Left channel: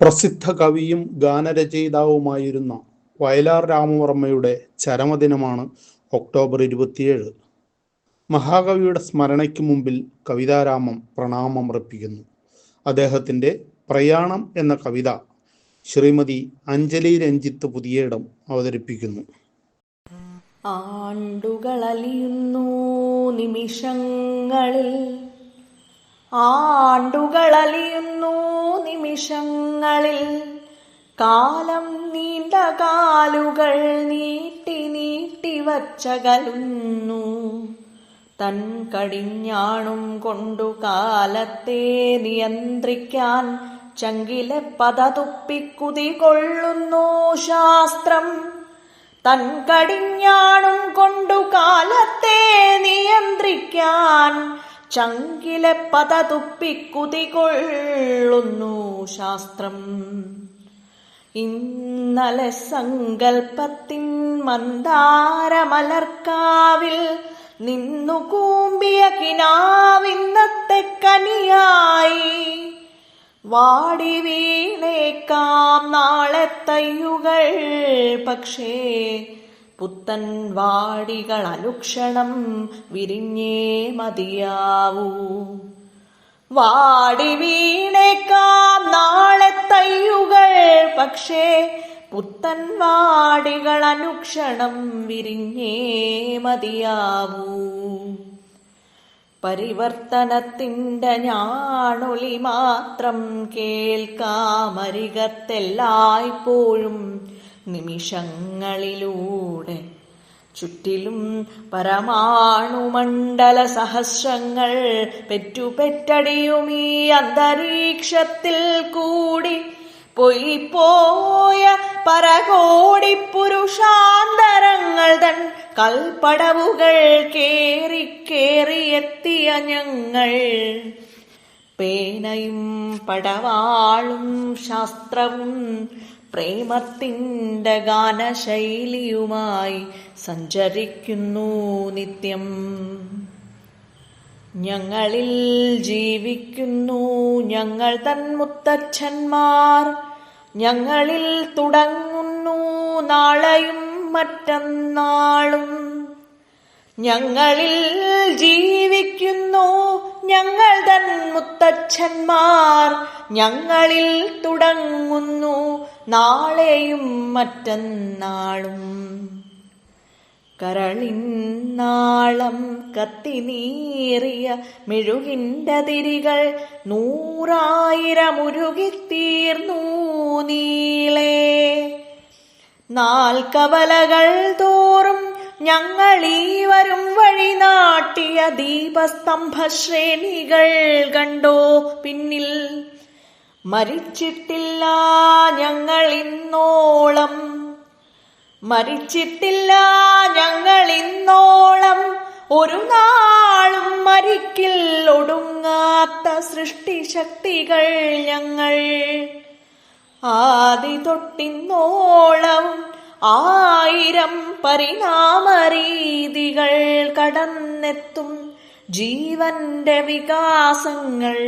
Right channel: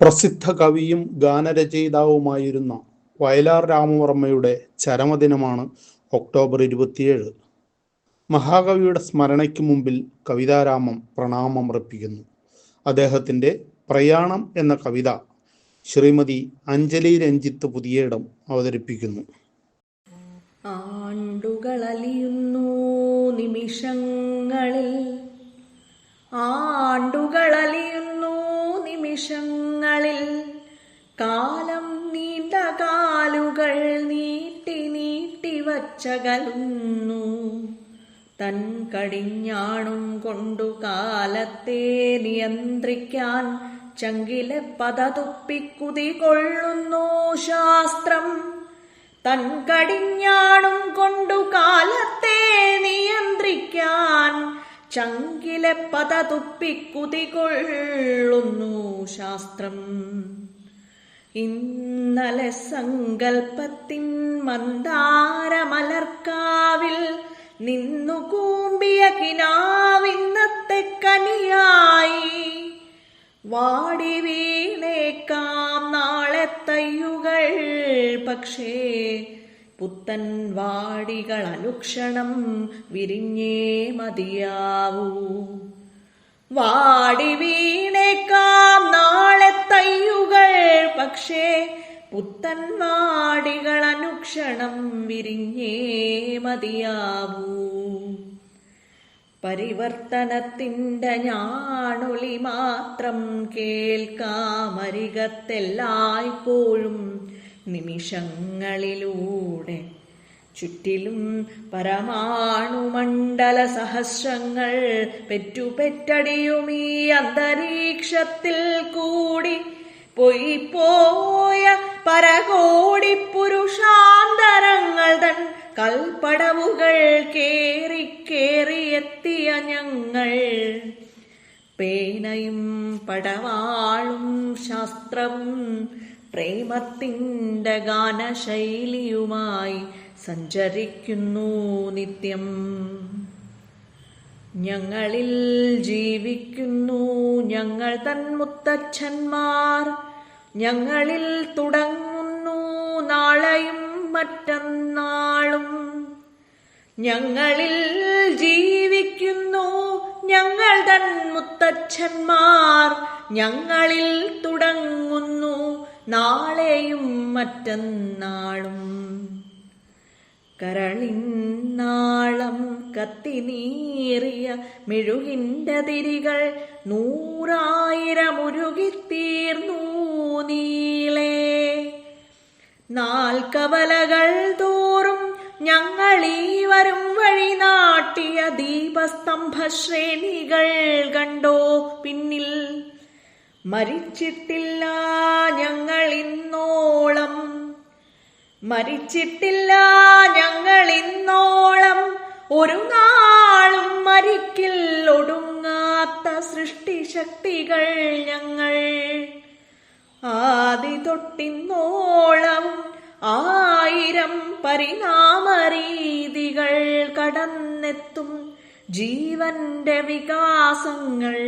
പ്രസിദ്ധ കവിയും ഗാനരചയിതാവുമായിരുന്ന വയലാർ രാമവർമ്മയുടെ ചരമദിനമാണ് ഒക്ടോബർ 27. മഹാകവിയുടെ സ്മരണയ്ക്ക് മുമ്പിൽ കവിതാരാമം പ്രണാമമർപ്പിക്കുന്നു. അദ്ദേഹത്തിൻ്റെ പ്രയാണം എന്ന കവിത ശ്രീമതി അഞ്ജലി രഞ്ജിത്ത് പുതിയേടം അവതരിപ്പിക്കുന്നു. ആണ്ടുകളലിയുന്നു നിമിഷങ്ങളിൽ, ആണ്ടുകളലിയുന്നു നിമിഷങ്ങളിൽ, കാലം നീണ്ട കാലുകൾ നീട്ടി നീട്ടി വച്ചകലുന്നു. തൻ കടിഞ്ഞാണും കൊണ്ടു കാലത്തെ നിയന്ത്രിക്കാൻ ചങ്കിലെ പതതുപ്പിക്കുതി കൊള്ളുന്നു ശാസ്ത്രം. തൻ കടിഞ്ഞാണും കൊണ്ടു കാലത്തെ നിയന്ത്രിക്കാൻ ചങ്കിലെ പതതുപ്പിക്കുതി കൊള്ളുന്നു ശാസ്ത്രം. ഇന്നലെ സങ്കൽപ്പത്തിൻ മന്ദാരമലർക്കാവിൽ നിന്നു കൂമ്പിയ കിനാവിന്നത്തെ കനിയായി. വാടി വീണേക്കാം നാളെ തയ്യുകൾ, പക്ഷേ പുത്തൻ വാടികൾ അനുക്ഷണം വിരിഞ്ഞേ മതിയാവൂ. വാടി വീണേക്കാം നാളെ തയ്യുകൾ, പക്ഷേ പുത്തൻ വാടികൾ അനുക്ഷണം വിരിഞ്ഞേ മതിയാവൂ. പരിവർത്തനത്തിൻ്റെ ഞാണൊലി മാത്രം കേൾക്കാമരികത്തെല്ലായ്പ്പോഴും നിമിഷങ്ങളിലൂടെ. ചുറ്റിലും പരമാണുമണ്ഡല സഹസ്രങ്ങൾ പെറ്റുപെറ്റടിയുമീ അന്തരീക്ഷത്തിൽ കൂടി. പോയ പരകോടി പുരുഷാന്തരങ്ങൾ തൻ കൽപ്പടവുകൾ കേറി കേറിയെത്തിയ ഞങ്ങൾ. പേനയും പടവാളും ശാസ്ത്രവും പ്രേമത്തിൻ്റെ ഗാനശൈലിയുമായി സഞ്ചരിക്കുന്നു നിത്യം. ഞങ്ങളിൽ ജീവിക്കുന്നു ഞങ്ങൾ തൻ മുത്തച്ഛന്മാർ. ഞങ്ങളിൽ തുടങ്ങുന്നു നാളെയും മറ്റന്നാളും. ഞങ്ങളിൽ ജീവിക്കുന്നു ഞങ്ങൾ തൻ മുത്തച്ഛന്മാർ. ഞങ്ങളിൽ തുടങ്ങുന്നു നാളെയും മറ്റന്നാളും. കരളിന്നാളം കത്തിനീറിയ മെഴുകിൻ്റെ തിരികൾ 100,000 ഉരുകിത്തീർന്നു നീളേ. നാൽക്കവലകൾ തോറും ഞങ്ങളീ വരും വഴി നാട്ടിയ ദീപസ്തംഭശ്രേണികൾ കണ്ടോ പിന്നിൽ. മരിച്ചിട്ടില്ല ഞങ്ങളിന്നോളം, മരിച്ചിട്ടില്ല ഞങ്ങളിന്നോളം, ഒരു നാളും മരിക്കിൽ ഒടുങ്ങാത്ത സൃഷ്ടിശക്തികൾ ഞങ്ങൾ. ആദി തൊട്ടിന്നോളം 1000 പരിണാമരീതികൾ കടന്നെത്തും ജീവന്റെ വികാസങ്ങൾ.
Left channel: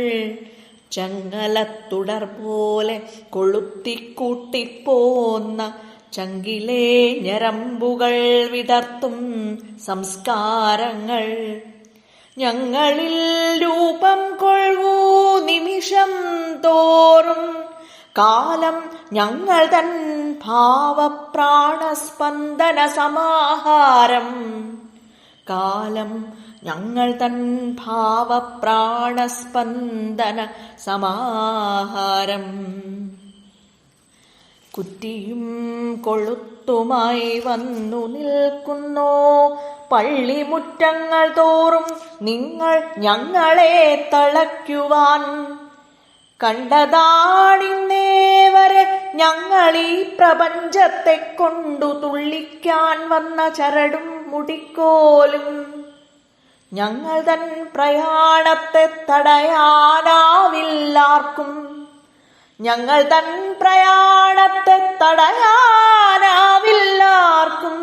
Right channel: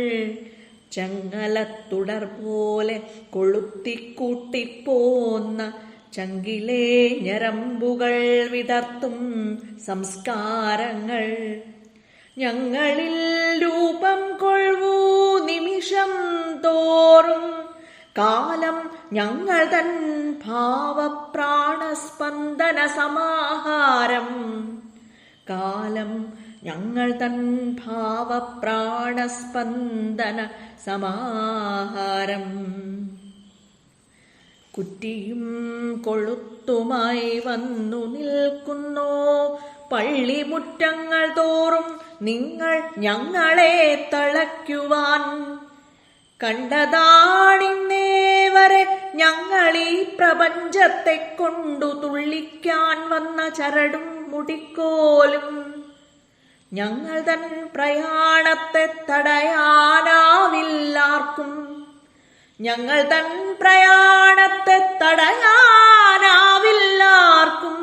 ചങ്ങലത്തുടർ പോലെ കൊളുത്തിക്കൂട്ടിപ്പോന്ന ചങ്കിലെ ഞരമ്പുകൾ വിടർത്തും സംസ്കാരങ്ങൾ. ഞങ്ങളിൽ രൂപം കൊള്ളൂ നിമിഷം തോറും. കാലം ഞങ്ങൾ തൻ ഭാവപ്രാണസ്പന്ദന സമാഹാരം. കാലം ഞങ്ങൾ തൻ ഭാവപ്രാണസ്പന്ദന സമാഹാരം. കുറ്റിയും കൊളുത്തുമായി വന്നു നിൽക്കുന്നോ പള്ളിമുറ്റങ്ങൾ തോറും നിങ്ങൾ ഞങ്ങളെ തളയ്ക്കുവാൻ. കണ്ടതാണിന്നേവരെ ഞങ്ങളീ പ്രപഞ്ചത്തെ കൊണ്ടു തുള്ളിക്കാൻ വന്ന ചരടും മുടിക്കോലും. ഞങ്ങൾ തൻ പ്രയാണത്തെ തടയാനാവില്ലാർക്കും. ഞങ്ങൾ തൻ പ്രയാണത്തെ തടയാനാവില്ലാർക്കും.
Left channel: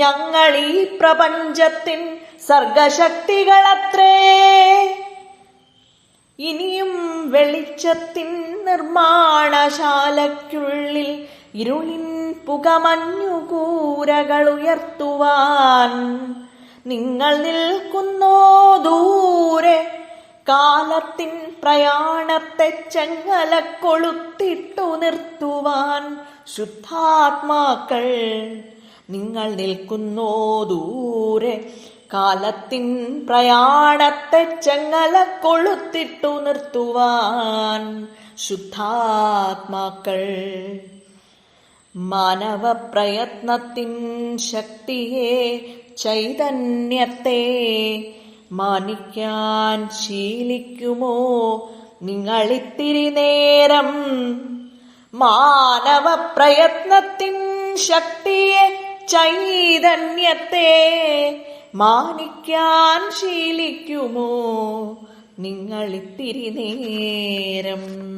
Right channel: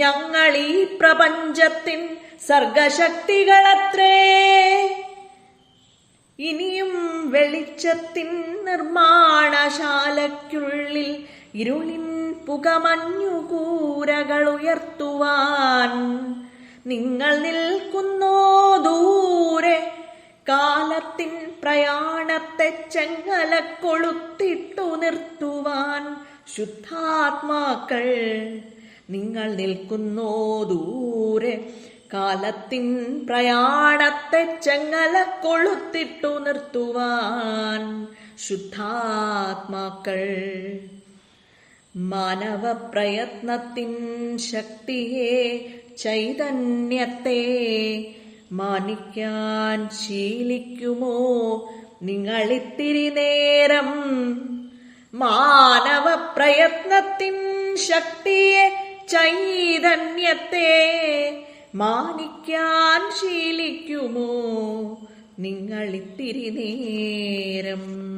ഞങ്ങളീ പ്രപഞ്ചത്തിൻ സർഗശക്തികളത്രേ. ഇനിയും വെളിച്ചത്തിൻ നിർമ്മാണശാലയ്ക്കുള്ളിൽ ഇരുളിൻ പുകമഞ്ഞുകൂരകൾ ഉയർത്തുവാൻ നിങ്ങൾ നിൽക്കുന്നോ ദൂരെ. കാലത്തിൻ പ്രയാണത്തെ ചെങ്ങല കൊളുത്തിട്ടു നിർത്തുവാൻ ശുദ്ധാത്മാക്കൾ നിങ്ങൾ നിൽക്കുന്നോ ദൂരെ. കാലത്തിൻ പ്രയാണത്തെ ചെങ്ങല കൊളുത്തിട്ടു നിർത്തുവാൻ ശുദ്ധാത്മാക്കൾ. മാനവ പ്രയത്നത്തിൻ ശക്തിയെ ചൈതന്യത്തെ മാനിക്കാൻ ശീലിക്കുമോ നിങ്ങളിത്തിരി നേരം. മാനവ പ്രയത്നത്തിൻ ശക്തിയെ ചൈതന്യത്തെ മാനിക്കാൻ ശീലിക്കുമോ നിങ്ങളിത്തിരി നേരം.